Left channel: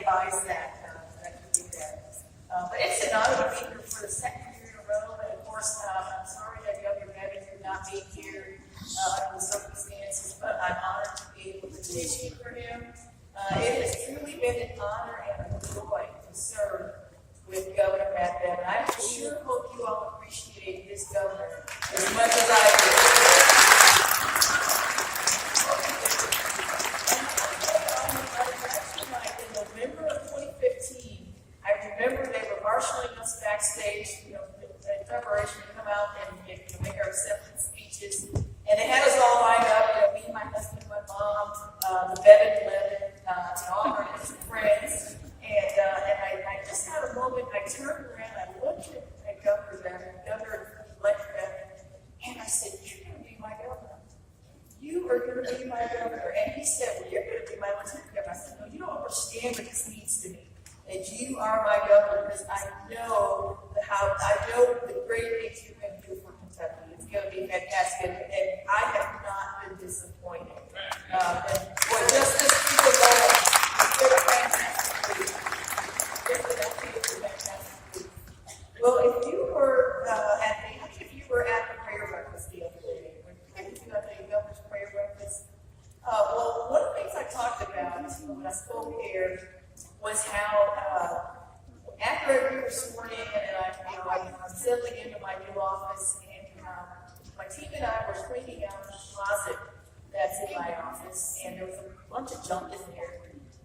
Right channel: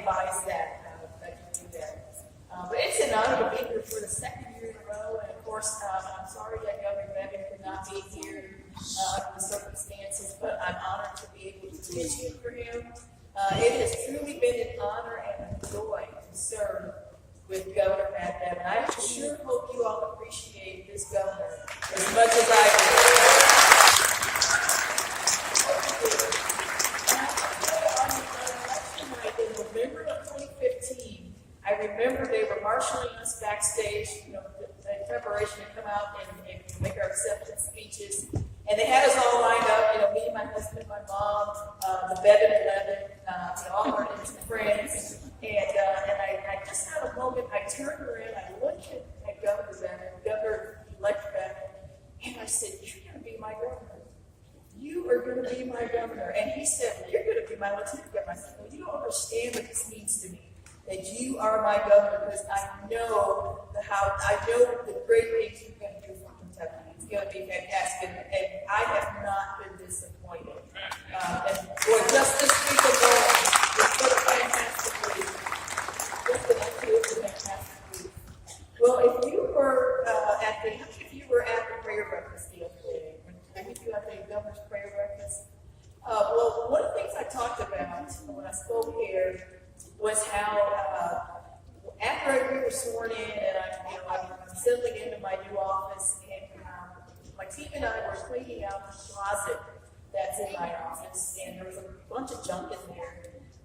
advise that you do that. But it's an honor to be here for the second year in a row, and of course, I'm sorry that Governor Bevin could not be here under the circumstances, but I'm honored to be able to petition for him. It has truly been an honor and a joy to serve with Governor Matt Bevin. I sure hope you all appreciate this governor as much as I do. In November of 2015, I remember they were marshaling us backstage, in preparation to come out and make our acceptance speeches. And they had us all lined up, me, my husband, my mom, the Bevin 11, all our friends. And I just had a moment. I turned around, I looked at Governor Bevin, Governor-elect Bevin, and I said, "You're going to be my governor. You are going to be my governor." And he said, "Well, you're going to be my lieutenant governor." I said, "No, you don't understand what this means to me. That you are my governor, because I know the great things you're going to do for Kentucky. It's going to be fantastic." And I have not been disappointed. And boy, just this week alone, it's been a fantastic week. It's a fantastic week. Well, if you were at the prayer breakfast the other day, when you had the governor's prayer breakfast, well, one of the things I talked about when I spoke here was how after we were sworn in, and I'm settling into my new office, and my team and I were cleaning out the closet that's in my office, and there was a bunch of junk in there,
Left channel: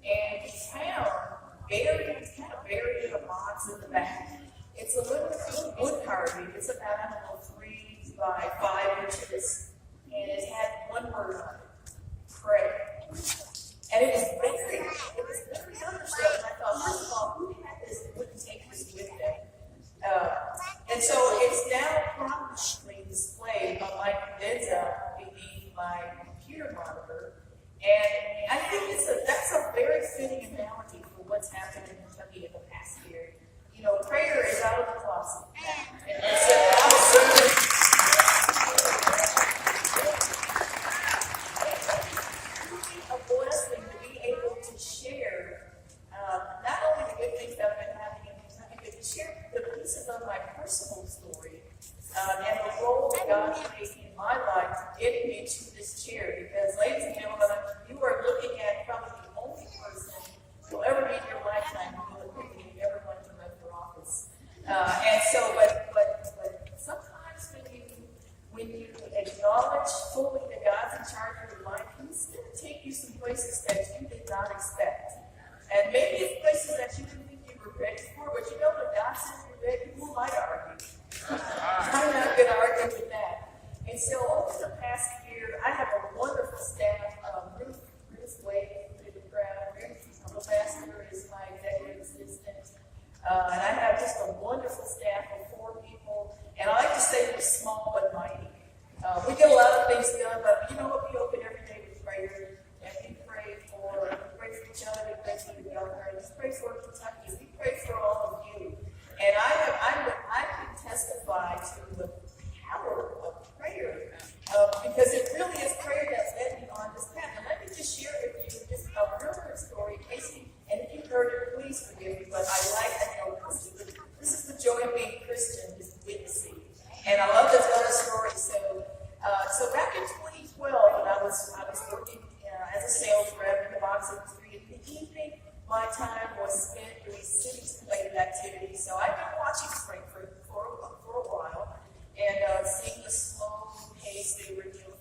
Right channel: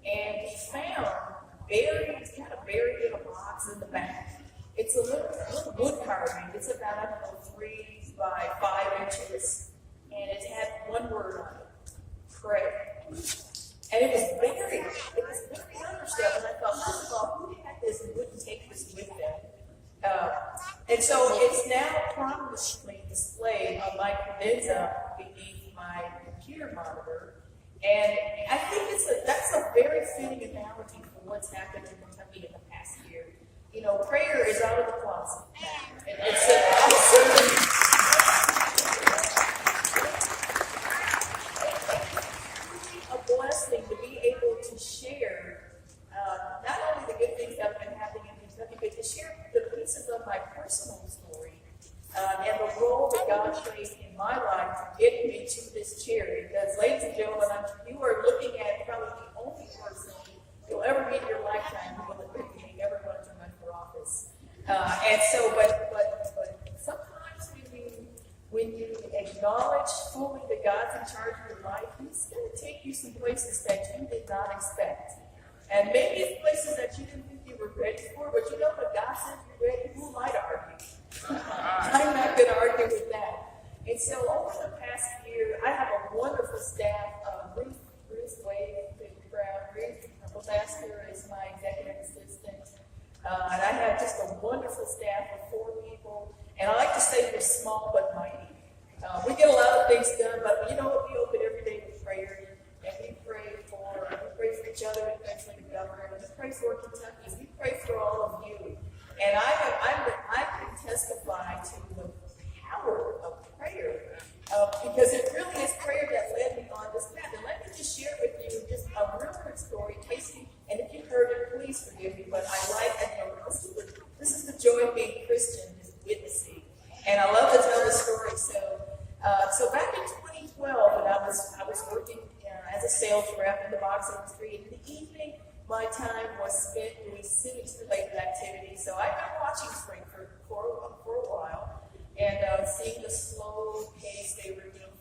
and we found kind of buried in a box in the back. It's a little wood carving. It's about 3 by 5 inches, and it had one word on it: pray. And it was very understood. And I thought, first of all, who had this and wouldn't take this with them? And so it's now prominently displayed on my credenza beneath my computer monitor. And I think that's a very fitting analogy for what's happened in Kentucky in the past year. Prayer is out of the closet. And it's a blessing to be able to share not only the good things that have been happening in Kentucky, but to share the pieces of my personal story and the role that God played in my life to get me to this chair. Because, ladies and gentlemen, you are looking at probably the only person you'll ever meet in your lifetime who will think that you ever wanted to run for office. But sometimes when you acknowledge fully that God's in charge of your life, He's going to take you some places that you did not expect. And maybe it's places that you didn't think you were ready for, but when God says you're ready, who might argue? I'm not going to argue with that. And so over the past year, I have a wonderful staff. Ruth Wade, pretty proud. Ruth, the pastor, is my executive assistant. And I have just a wonderful staff of 4 people. And I like to say we're small but mighty. We get a lot of things done, but you know what? We open every day with prayer. And we pray for each other, we pray for the governor, and we pray for Kentucky. We pray for all of you. And I can testify to the power of prayer, because it really is prayer that led me on this path. And let me just share with you just a real quick story. Casey, and if you've heard it, please forgive me, but this is the joy of being Christian, is witnessing. And I love to tell this story. So back in 2012, when I was working as a sales rep in the box industry, in the evening, my time was spent doing civics-related activities. So I've been watching Springford for a while and seeing the slow pace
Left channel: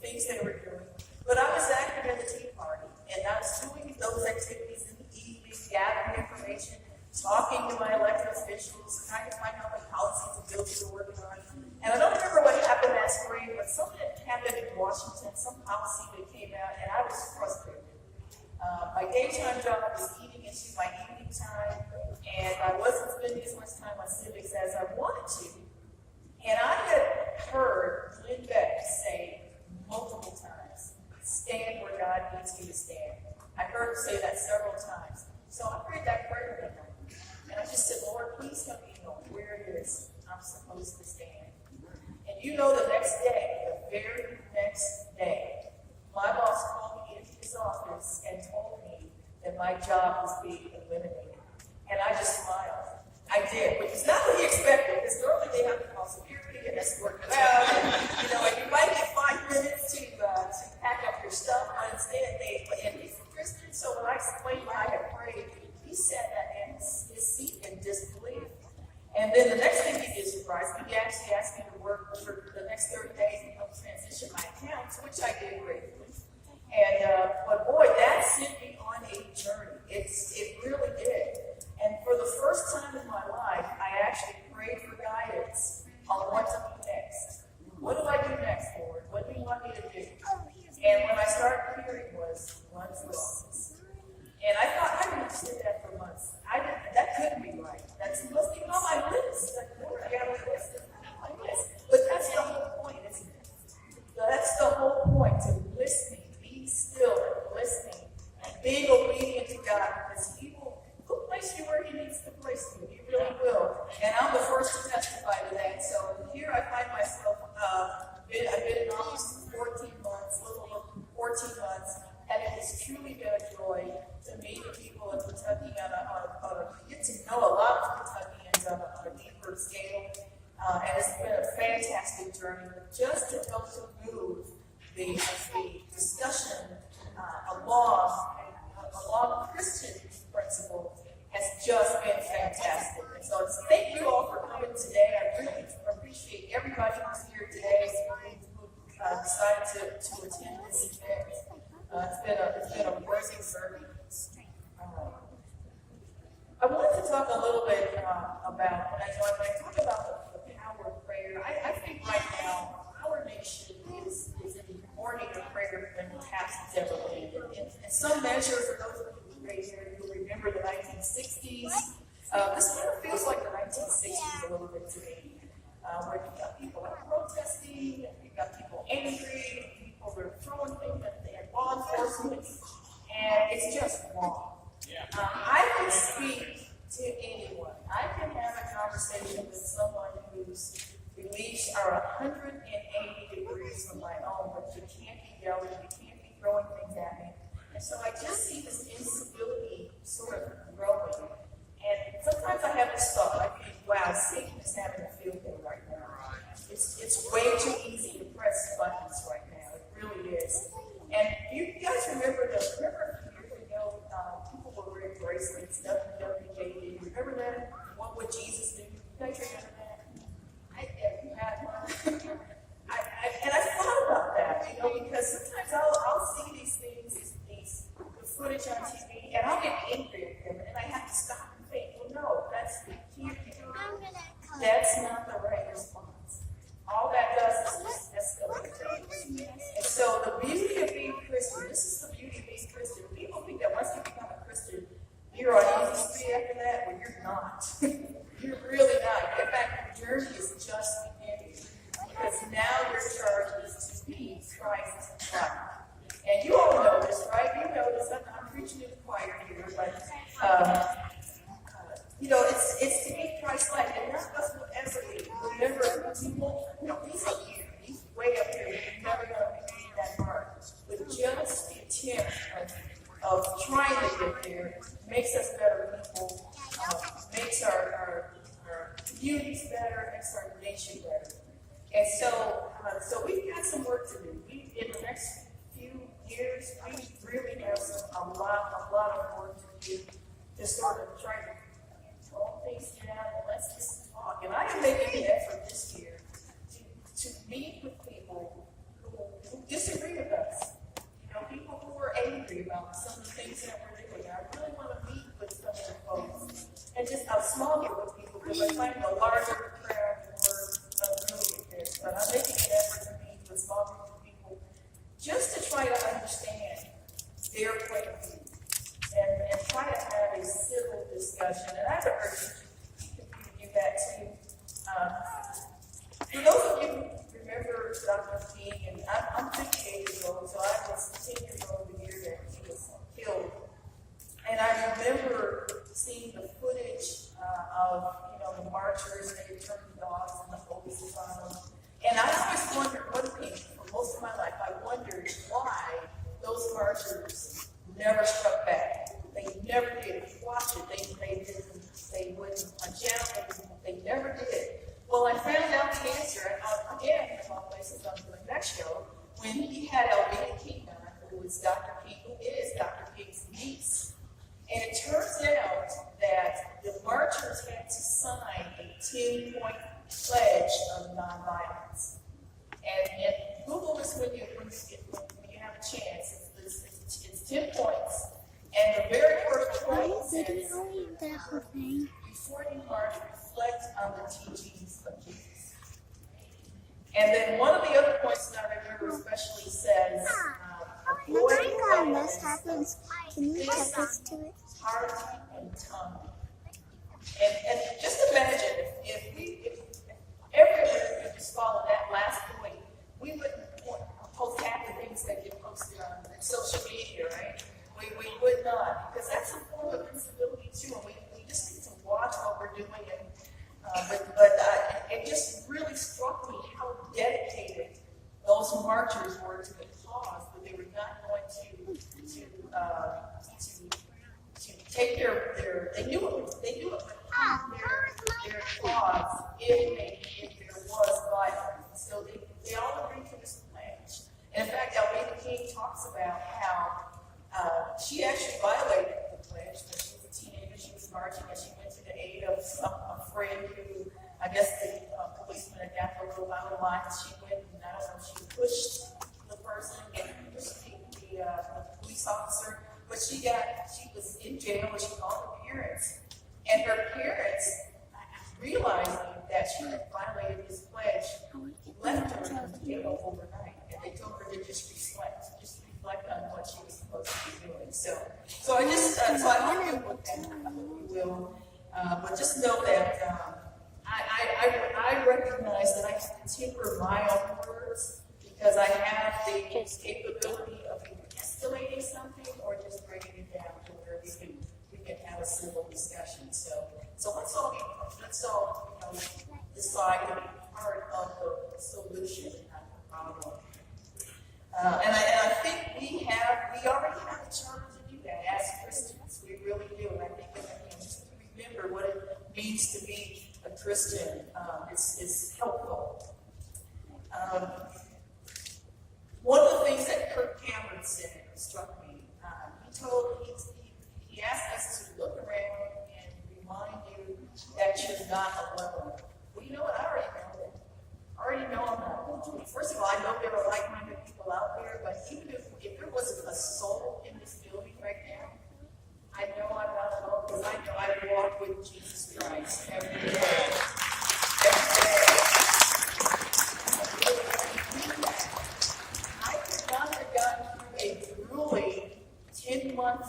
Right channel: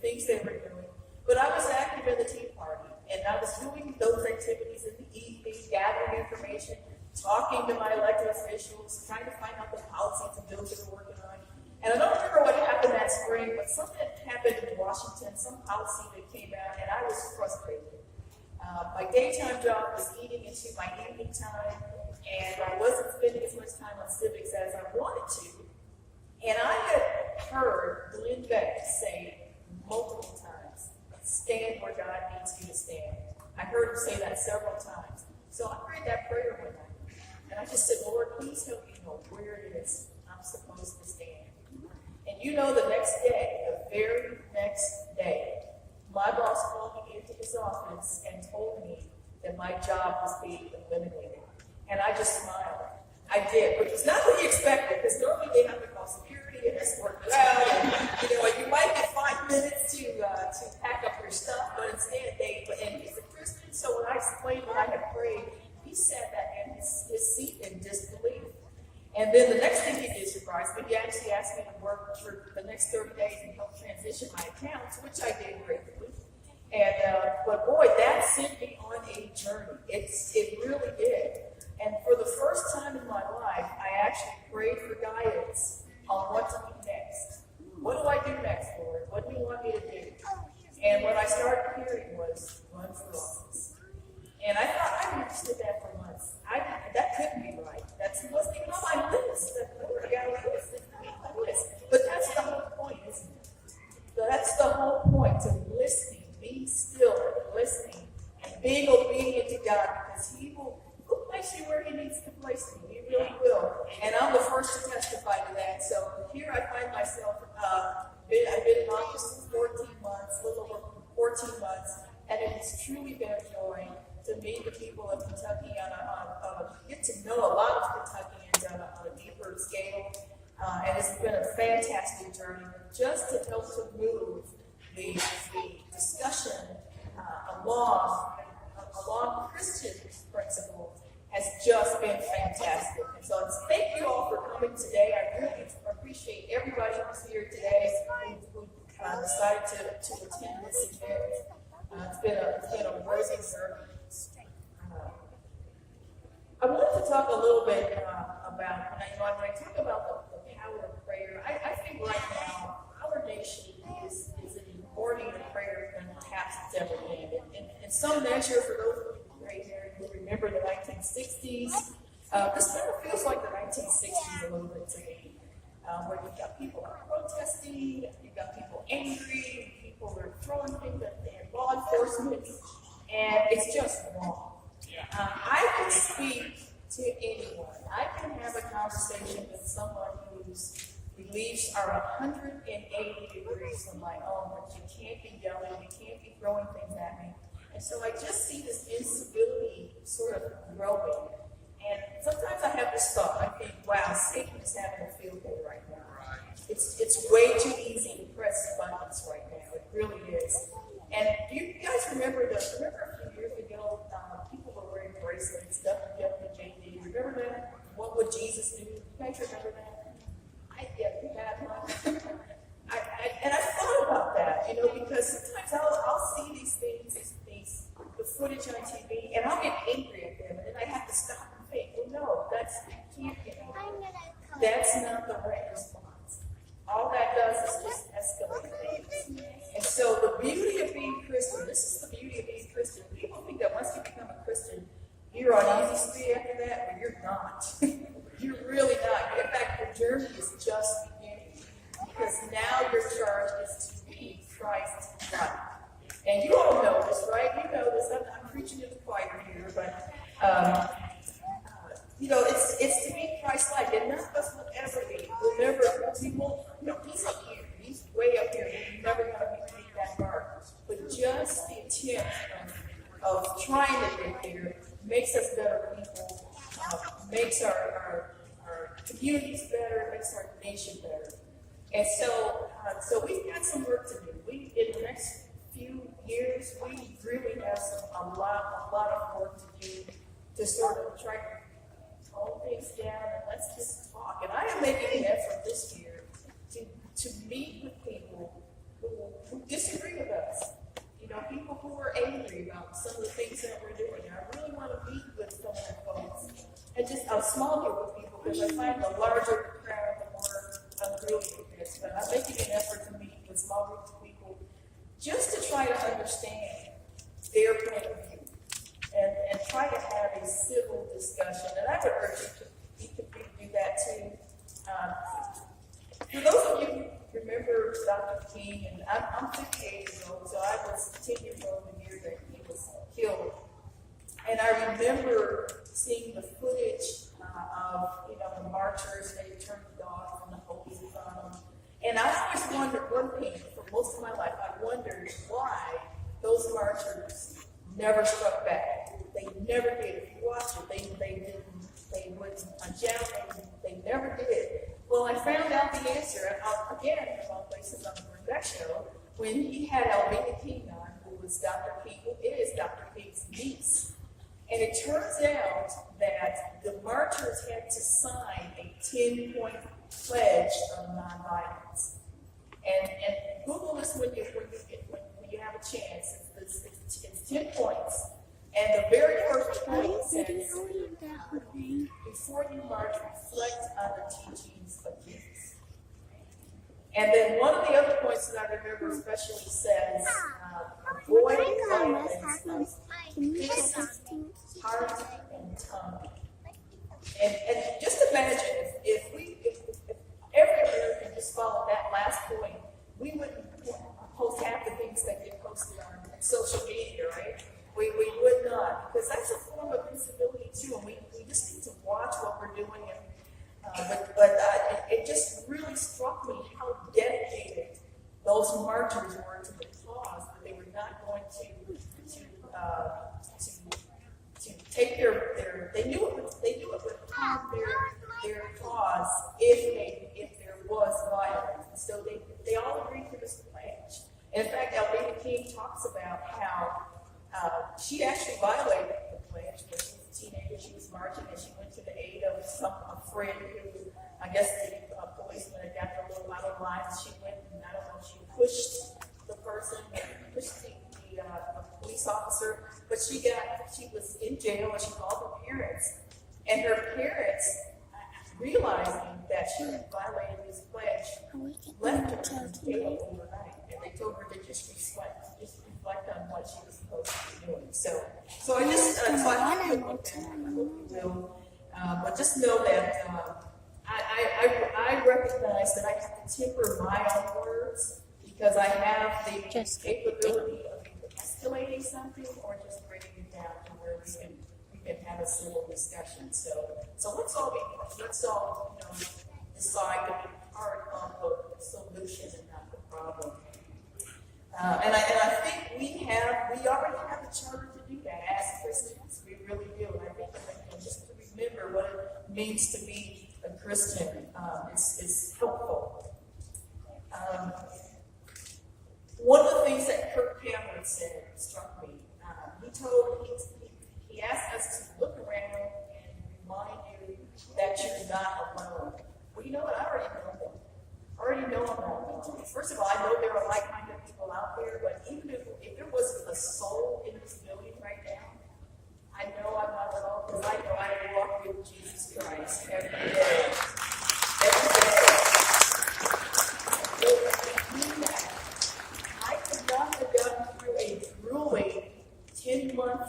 things they were doing. But I was active in the Tea Party, and I was doing those activities in the evening, gathering information, talking to my elected officials, trying to find out the policies and bills they were working on. And I don't remember what happened that spring, but something happened in Washington, some policy that came out, and I was frustrated. My daytime job was eating into my evening time, and I wasn't spending as much time on civics as I wanted to. And I had heard Lynn Beck say multiple times, "Stand where God needs you to stand." I heard her say that several times. So I prayed that prayer with her. And I just said, "Lord, please help me know where it is I'm supposed to stand." And the very next day, my boss called me into his office and told me that my job was being eliminated. And I just smiled. I did, which is not what you expected, because normally they have to call security and escort you out, and you might get 5 minutes to pack up your stuff, but instead and he's a Christian, so when I explained what I had prayed, he sat in his seat in disbelief. And then the next thing he did surprise me, he actually asked me to work for the next 30 days and help transition my accounts, which I did gratefully. And but boy, that sent me on a journey. It really did. And for the first time in my life, I actually prayed for guidance on what to do next. What do I do next, Lord? What do you want me to do? And what I started hearing was run for office. And I thought, I understood that for months. That couldn't be right. That wasn't even on my list. Lord, I got a list. It's not on my list. But that's the whole point, isn't it? That's the whole point, to listening, being still, listening, and being obedient to God, because He will place you where He needs to place you. He really will. And I'm the first to testify to that. So here I find myself, I've been in office for 14 months, a little over 14 months, and it has truly been a joy to meet the people of Kentucky, get to know a lot of Kentuckians on a deeper scale. And it's been a fantastic journey just to help to move the discussion along Christian principles has just been fantastic. And so thank you all for coming today. I really appreciate everybody who's here today who decided to attend this event. It's been a amazing journey. I wanted to talk a little bit about, when I talk about the power of prayer, I think right now our nation is in more need of prayer than perhaps it's ever been. In some measure, for those of you gray haired who remember the 1960s, this kind of feels like the 1960s a little bit to me, where you've got people out protesting, you've got people angry, people are throwing things at law enforcement, and it's just wrong. I can speak to anyone. I can have a conversation with someone whose beliefs are 180 degrees from my own, but you can't be yelling, you can't be throwing things at me. And so I just see this instability sort of growing. And sometimes I have this thought, I think, wow, Satan is having a field day right now. It's way too easy to press buttons right now. It really is. And you guys remember a few years ago, people were wearing bracelets, WWJD. Remember that? What would Jesus do? You guys remember that? You had one. And I thought about that, because sometimes I'll see these things, the footage on TV, and I'll get angry at them, and then I have to stop and think, well, no, that's not the right response. All that does is just escalate things. And so the beauty of being Christian, this is the beauty of being Christian. People think that once you become a Christian, you're on easy street after that. Well, you're not. You're really not. In fact, the journey is just beginning. Because now your charge is to be Christ-like. And you all know this, right? You know this. I'm preaching to the choir here, but it's to be Christ-like, and none of us will ever be. He's up here. He's way up here. He's never going to be that mark. But just the attempt of trying to get there makes us better people, makes our communities better, makes our nation better. And so we've got some work to do. In the next few years, we really have a lot of work to do to sort of try to calm things down and let's just talk. And I am making an effort this year to meet with people who disagree with us. People who are angry about some of the things that we're doing. I really want to meet with some of the folks. And just a small group of people, because I find the larger crowd, the more unruly it is. But I'm making an effort to meet with small groups of people just to try to understand their point of view and try to have a civil discussion. And I would urge you to do that too. For those of you who remember Dr. King, and I'm 58 years old, so I was 10 years old the year that he was killed. And I remember seeing the footage of the marchers, they turned the dogs and the police on them. And I always wondered one thing, for most of my life, I wondered why those marchers never struck back. They never did. If you watch it, they wouldn't they never did. Well, I found out the answer, again, from all places on the Glenn Beck show, when he had LT King on, who is Dr. King's niece. And it turns out that the marchers had to sign a 10-point pledge of nonviolence. And Google this when you have a chance. It's 10 points. And the very first point says, before you march, reflect on the teachings of Jesus. And then one of the other points that I remember especially says, avoid violence, heart and tongue. And just imagine if every American just followed that last point, we wouldn't post half the things that get posted on social media, right? We would not, because that's a form of incivility too, and we just need to watch what we're doing. It just really struck me how dedicated those marchers were to the cause, that they were not going to take they knew it would harm their cause if there was violence. And so they all agreed to this pledge. And in fact, LT King talks about how she actually violated the pledge when she was a teenager. She was marching and she went to the aid of a friend who, I guess the policeman had got her a little out of line. She went and I don't know if she pushed the person, pushed the police officer, but she was in jail and she called her parents. And her parents, realizing that she had violated this pledge, left her in jail overnight. And they told her to just reflect on what she was supposed to be doing. So I hope you'll look at that. I hope you will. But just know that I recognize that I have to temper my own words because I have the capability of either escalating something or just bringing it down to where we can have a civil discussion. So let's all decide to be part of the solution and not the problem. And I think we already have the charter to do that as Christians. We really do. And I think just to remember what it means to be a Christian is helpful. One of the things that Kirk Cameron said struck me. He asked us to look around and remind you that you're not alone. Well, you know what? I already know that. I already know I'm not alone. First of all, I know there are like-minded people out there, but even if there wasn't a soul in this building right now, I know I'm not alone because I know I walk with Jesus Christ every day. I could not have gotten through a grueling 10-month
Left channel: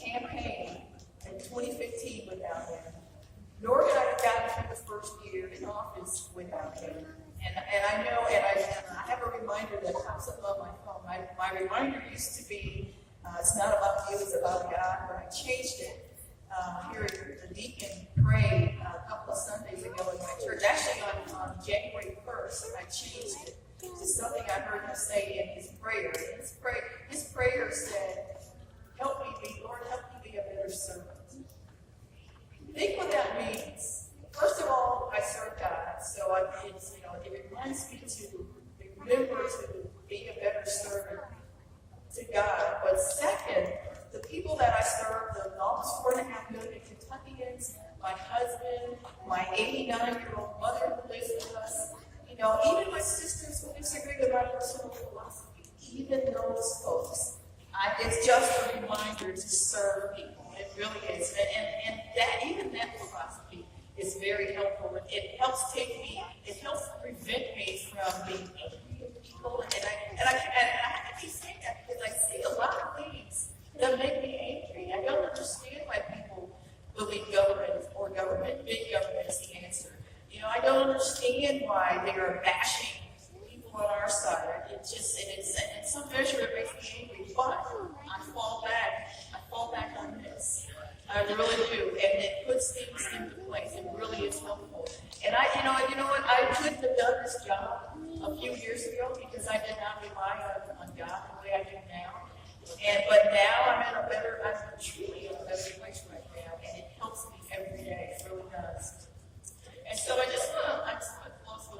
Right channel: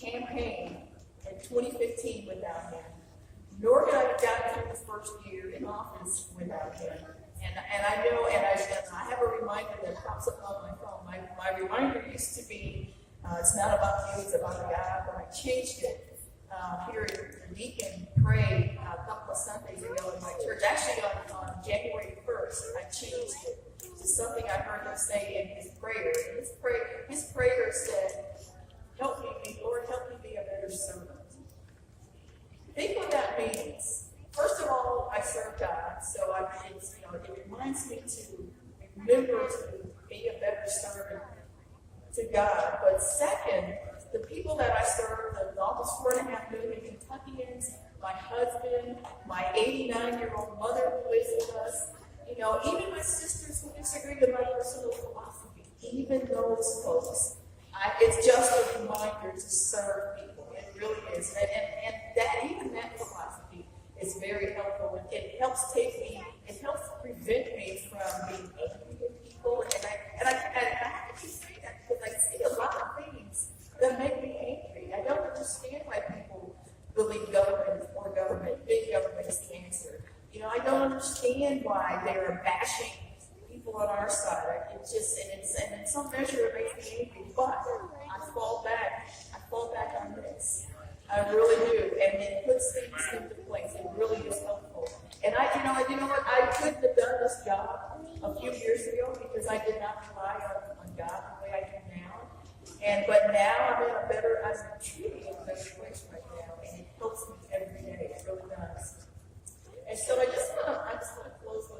campaign in 2015 without him, nor could I have gotten through the first year in office without him. And I know, and I have a reminder that pops up on my phone. My reminder used to be, it's not about you, it's about God, but I changed it. Here, the deacon prayed a couple of Sundays ago in my church. Actually, on January 1st, I changed it to something I heard him say in his prayer. His prayer said, Lord, help me be a better servant. Think what that means. First of all, I serve God, so it reminds me to remember to be a better servant to God. But second, the people that I serve, the almost 4.5 million Kentuckians, my husband, my 89-year-old mother who lives with us, even my sisters who disagree with my personal philosophy, even those folks, it's just a reminder to serve people. It really is. And that philosophy is very helpful. It helps prevent me from being angry at people. And I keep saying that because I see a lot of things that make me angry. I don't understand why people believe big government is the answer. I don't understand why they're bashing people on our side. And in some measure it makes me angry, but I fall back on this. I really do, and it puts things into place. It really is helpful. And you know what? I couldn't have done this job a few years ago because I did not rely on God the way I do now. But now I'm